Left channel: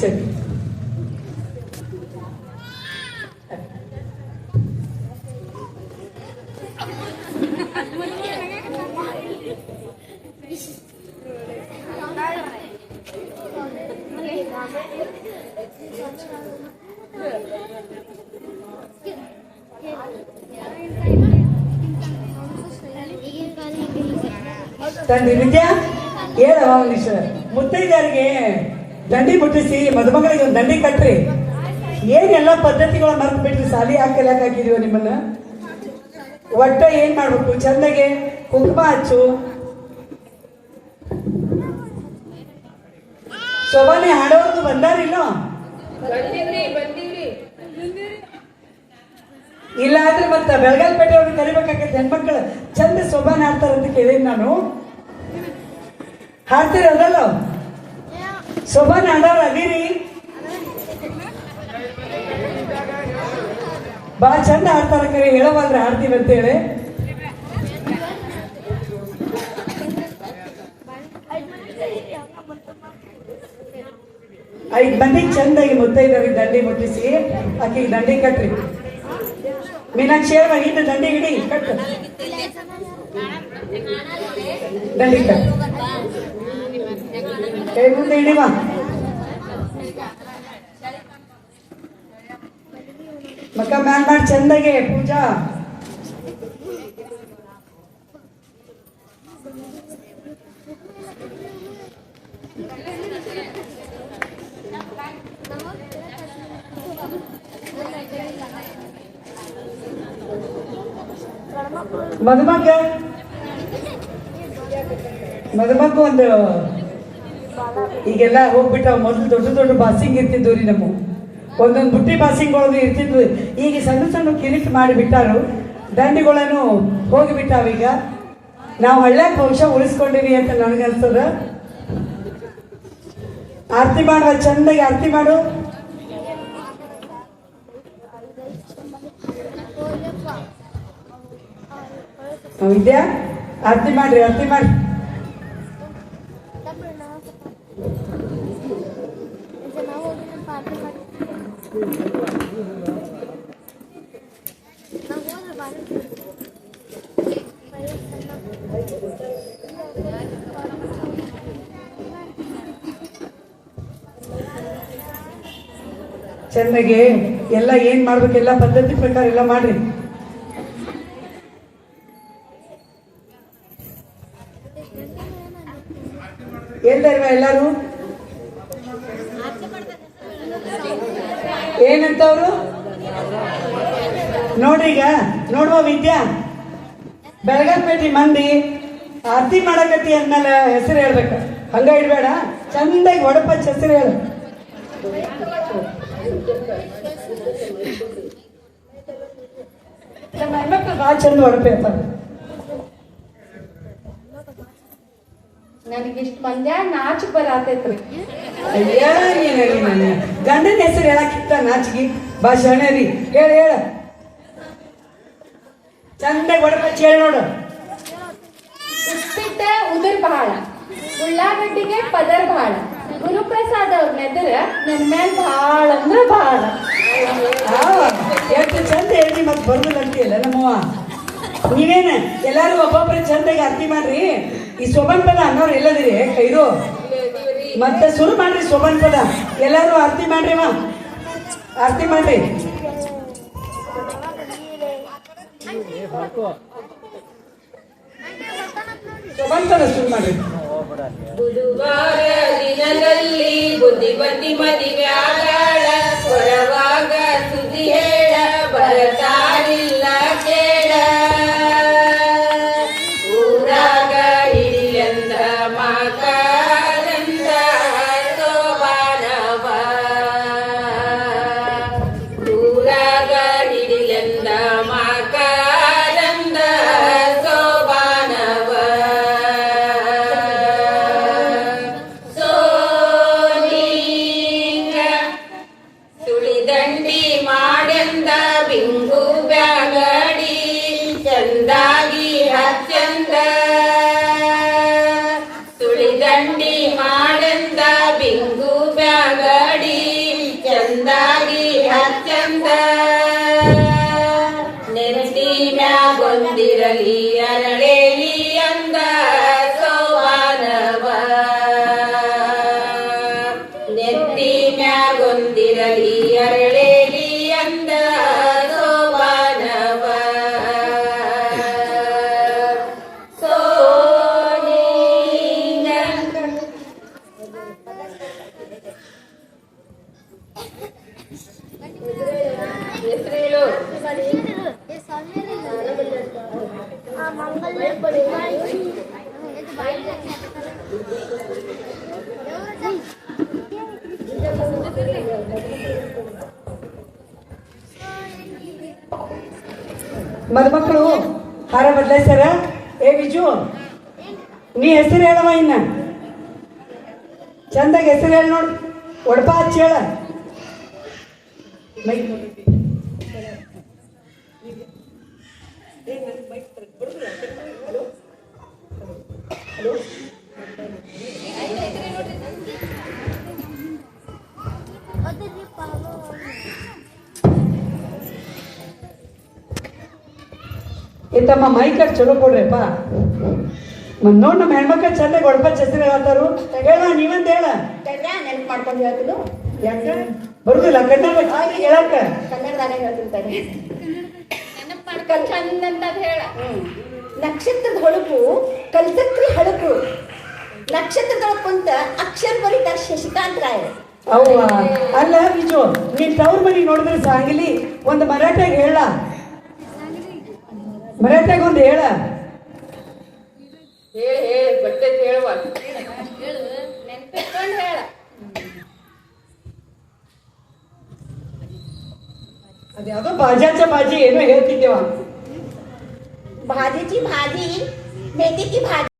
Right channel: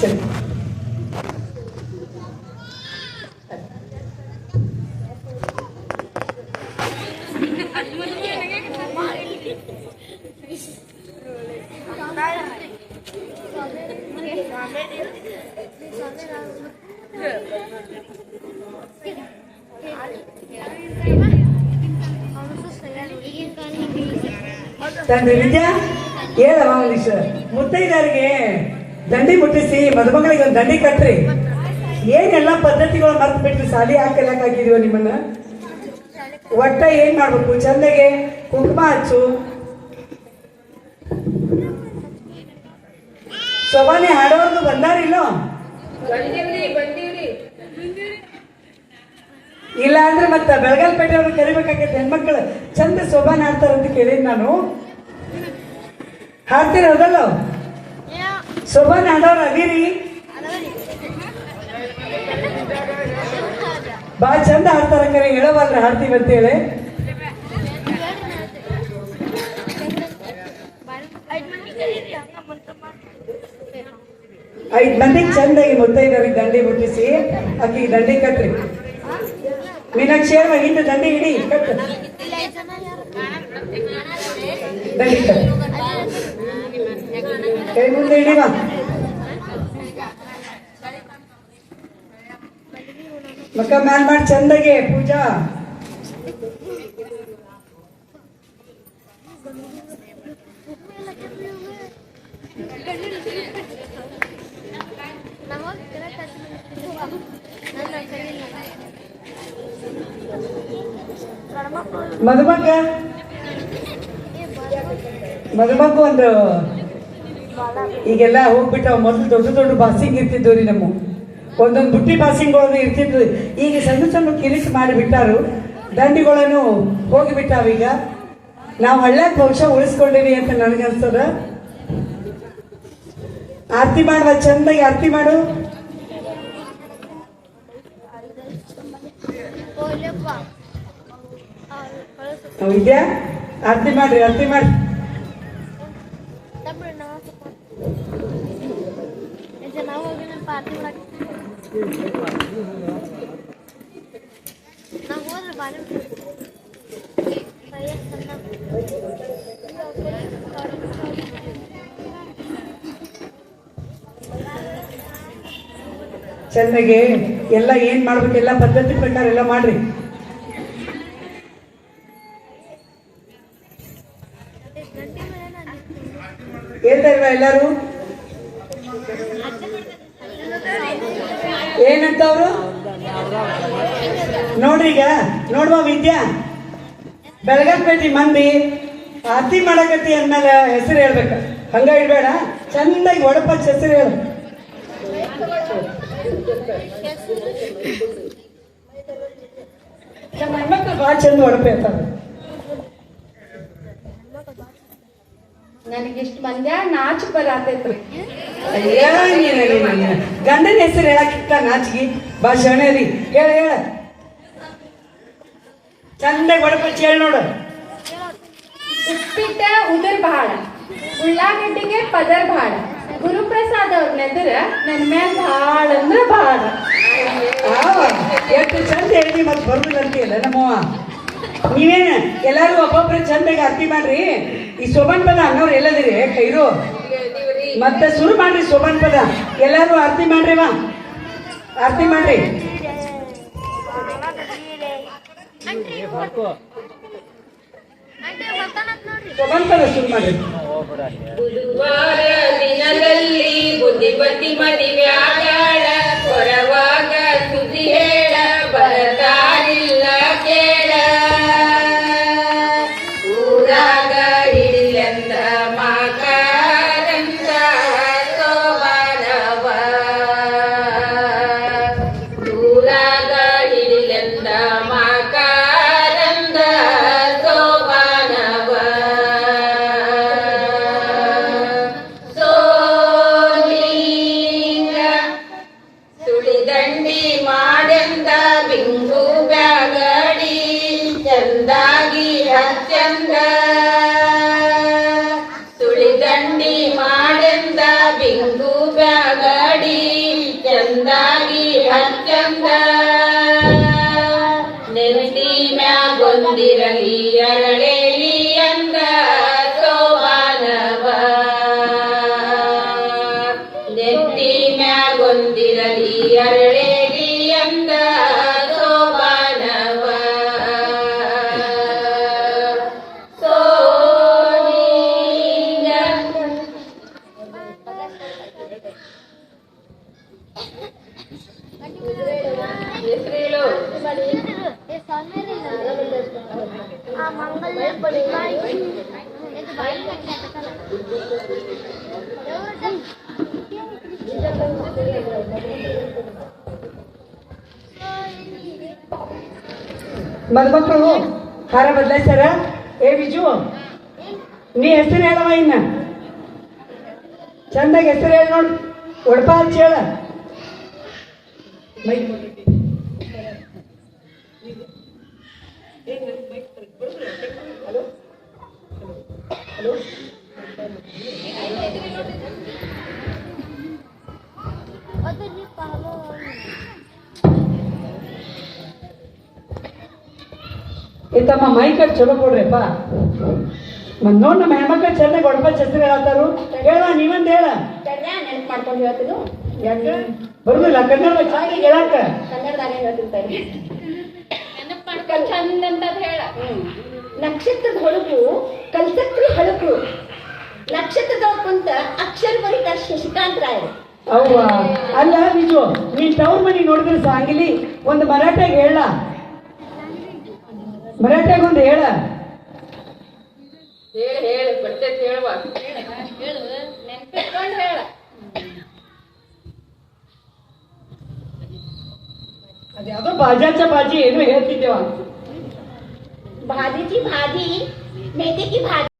ಸರಿ. ತಂದೆ ವಿದ್ಯಾ ಹೇಳವ ಮನೀಶ್, ಮುತ್ತೈದರಿಗೆ ದಂಡಿ ಮುಟ್ಟಿಸಿ ಮದುಮಗಳಿಗೆ ಒಂದು ದಂಡಿ ಕಟ್ರಿ. ಏನೆಲ್ಲ ಪದ್ಧತಿಗಳು ಮರ್ತು ಬಿಟ್ರಿ, ಸಾಲಿ ಹಾಕಲಕ್ ಹಾಕಿದೀವ ನಿಮ್ಮನ್ನ. ಒಟ್ಟ ಏನ್ ಮಾಡ್ಬೇಕು, ಚಂದಗೆ ಕುಂಕುಮ ಹಚ್ಚು, ಶೋಭಾನೆ ಹಾಡೋರ್ದು ಬಂದಾರಿಲ್ಲ? ಇಲ್ಲ ಅಂದ್ರೆ ಮತ್ತ ಬೆಳಗಾಲ್ಪೇಟೆ ಅವ್ರು ಕರಿಬೇಕಾಗತ್ತೆ. ಹೆಣ್ಮಕ್ಳು ಚಂದ ಶೋಭಾನೆ ಹಾಡ್ತಾರಂತ ಕೇಳಿದ್ ನಾನು. ಹಾಡ್ತೀರ ಹೌದಲ್ಲ? ಶೋಭಾನೆ ಹಾಡೋರು ಅದೀರಿ, ಬಾ ಚಂದ ಹಾಡ್ತಾರ. ಕರೆ ಹೇಳವಲ್ರಿ ಹಾಡ್ತೀವಿ ಅಂತೇಳಿ. ಐದ್ ಮಂದಿ ಚಂದಾಗಿ ಮುತ್ತೈದವ್ರಿಗೆ ದಂಡಿ ಮುಟ್ಟಿಸಿ ಆಕಿಗೆ ದಂಡಿ ಕಟ್ರಿ. ಮೀನಾಕ್ಷಿ ಹಿಂದೆ ದಂಡಿ ಹಿಡಿ, ಕಟ್ಟು ದಂಡಿ ಕಟ್, ಕೈ ಮುಂದೆ ಹಿಡಿವಾ. ಮಕ್ಕ ಮ್ಯಾನ್ ಮಾಡಿ ಚಂದಾಗೆ ಪೂಜಾ. ಮದುಮಕ್ಕ ಒಂದು ಈಗೆಲ್ಲ ಹೋಗ್ಬಿಟ್ಟ. ಮೊದಲು ದೊಡ್ಡ ದೊಡ್ಡ ಬಾಸಿಂಗ್ ಇರ್ತಿದ್ವು ರೀ, ನಮ್ಮ ಒಂದೊಂದು ಬುಟ್ಟಿ ಬಾಸಿಂಗ್ಗಳು ಇರ್ತಿದ್ವು. ಈಗ ಸಣ್ಣ ಸಣ್ಣ ಕಿರಿಸಿ ಮಾಡಿಬಿಟ್ಟಾರು, ದಂಡಿಗಳನ್ನು ಹೋಗಿಬಿಟ್ಟಾವೀಗ. ನಾವು ಒಳ್ಳೆ ವಂಶ ಉಳಿಸ್ಕೊಂಡಿವಿ ಅಂತ ನನಗನ್ಸದ. ಆರತಿ ಮಾಡುವ, ಚಂದಾಗಿ ಆರತಿ ಮಾಡು. ವಿದ್ಯಾ ಆರತಿ ಮಾಡ್ರಿ, ಆರತಿ ಮಾಡ್ರಿ. ಚಂದಾಗಿ ಎಲ್ಲ ಏನ್ ಮಾಡ್ಬೇಕು ಎಲ್ಲ ಪದ್ಧತಿ ಪ್ರಕಾರ ಎಲ್ಲ ಮಾಡ್ರಿ. ಹೇಳ್ತಾರಲ್ಲ ಎಲ್ಲಾರು ಏನಂತ ಅವರು ನೋಡ್ರಿ. ಈಗ ನೋಡುವ ವಿದ್ಯಾ, ಬೆಳಗಾಲ್ಪೇಟೆ ಮಂದಿ ಆರತಿ ಮಾಡಕತ್ತಿ ಅಂದ್ಮೇಲೆ ಹೆಸರು ಹೇಳ್ಬೇಕ, ಹಂಗ ಇಡ್ಬೇಡ. ಚಂದಾಗಿ ಒಡಪಚ್ಚ ಹೆಸರು ಹೇಳ. ನಮ್ಮ ಹೆಣ್ಮಕ್ಳು ಭಾಳ ಚಂದ ಒಡಪೆ ಹೇಳ್ತಾರೆ. ನನಗಿಷ್ಟು ಮಂದ್ಯ ನಾಚು ಬರತೈತ್ರಿ. ಗಂಡನ ಹೆಸರು ಹೇಳಕ್ಕಿತ್ತ ನಾಚಿಗೆ ಭಾಷಣ ರೀ. ಹೇಳ ಹೇಳ ಚಂದ ಒಡಪಚ್ಚಿ ಹೇಳಿ ನೋಡು. ಉಪ್ಪಿಟ್ಟ ಉದರ್ ಬಹಳ, ಉಳ್ಳಾಗಡ್ಡಿಗೆ ಪದರ್ ಬಹಳ, ಗುರುಪ್ರಸಾದ್ ಅವ್ರ ನೆದರ ನನ್ ಮೇಲೆ ಭಾಳ ಅಂದ್ರೆ ಭಾಳ. ಎಷ್ಟು ಚಂದ ಹೇಳಿ ಮತ್ತೆ ಬರುದಿಲ್ಲ ಅಂತೀಯಲ್ಲ ನಮ್ಮವ್ವ. ನೀವೇನ ಎಲ್ಲಾರು ಒಬ್ಬೊಬ್ರು ಚಂದಾಗಿ ಆರತಿ ಮಾಡ್ರಿ. ಈ ಶೋಭನ್ ಪದ ಅನ್ನೋರು ಎಲ್ಲದಿರಿ ಕೈರು ಮತ್ತೆ ಶುರು ಮಾಡ್ರಿ. ಶೋಭನ್ ಪದ ಎಲ್ಲಾರು ಆರತಿ ಮಾಡ್ರಿ, ಆರತಿ ಮಾಡ್ರಿ. ಶೋಭನ್ ಪದ ಶುರು ಮಾಡ್ರಿ. ಬುಧವಾರ ದಿನದಲ್ಲಿ ಬುದ್ಧಿಪತಿ ಮದಿವ್ಯಾಗಳ ಹೊರವಾಗ ಸುದ್ದಿ ಹೇಳ ಬರತಾರಿಲ್ಲ ಕೇಳ. ಊರಾಗ ಹಿಡಿಲೆಂದ ಮಕರಂದ ಸೋಬಾನವ, ಊರಾಗ ಹಿಡಿಲೆಂದ ಮಕರಂದ ಸೋಬಾನವ. ಸೋನಿಂಗ ಒಂದಾಗಿ ಹಚ್ಚಂದ ನೆತ್ತಿ ಮ್ಯಾಗೊಂದಿರಲಿ ಅರಳೇಲಿ ಅಂದ ಸೋಬಾನವ ನೆತ್ತಿ ಮ್ಯಾಗೊಂದಿರಲಿ ಅರಳೇಲಿ ಅಂದ ಸೋಬಾನವ ಹೆಸರೇಳು ಮದುಮಕ್ಕಳು ಹಾರ ಬದಲಾಯಿಸ್ಯಾರ. ಏ ಬಿಜು, ನೀ ಹೆಸರು ಹೇಳವ ಇನ್ನ ಚಂದಾಗಿ ಹೆಸರು ಹೇಳಿ ನೋಡು. ಒಡಪ ಹಚ್ಚಿ ಹೇಳ. ಮೈ ತಮ್ಮ ಮೈಕರ್ ಚಲೋ ಕೊಡ್ರಪ್ಪ. ನೋಡ್ ನಮ್ಮ ಹೆಣ್ಮಕ್ಳು ಚಂದಾಗ ಒಡಪ ಹೆಸರು ಹೇಳತ್ತಾರು. ಹೇಳ, ನೀವಂದ ಹೇಳ. ನೆನ್ಪು ಮಾಡ್ಕೊಂಡು ಹೇಳ್ತೀನಿ. ಯಾಕೆ ಬರುದಿಲ್ಲ ಕನ್ನಡ ಹೇಳಕ್ಕ? ಕನ್ನಡದಾಗ ಹೇಳ್ತಿರ್ತಾರೆ. ನೆನಪು ಮಾಡ್ಕೊಂಡು ಚಂದ ಅಂತ ಹೇಳ. ನಕ್ಷತ್ರದ ಹೊಳಪು ಕಲ್ಸಕ್ರಿ ಹಳಪು ನಕ್ಷತ್ರದೊಳಗೆ ಕುಂತ ಅಕ್ಷರ ಬರೀತಾರೆ ಶಶಿಕಾಂತ್ ರಾಯರು. ಅವ್ವ ಅಲ್ಲ ಬಿಜು, ನೀನ್ ತವ್ರ ಮನಿ ನೋಡಿದ್ರೆ ಸಾಂಗಿಲಿ ಒಂದು ಮರಾಠಾಗ ಹೇಳ. ಮರಾಠಾಗ ಒಂದು ಹೇಳ. ಹೇಳಿ ಬಟ್ಟೆ ಹೇಳುವ ಹೇಳು ನೆನ್ಪಿಟ್ಕೊಂಡು ಹೇಳ. ಅದ್ಯಾವುದೋ ಬಾಜಾಚ ಬಾಜಿ ಏನೋ ಹೇಳ್ತಿದ್ದೇವ. भाजीची भाजी मेथीची भाजी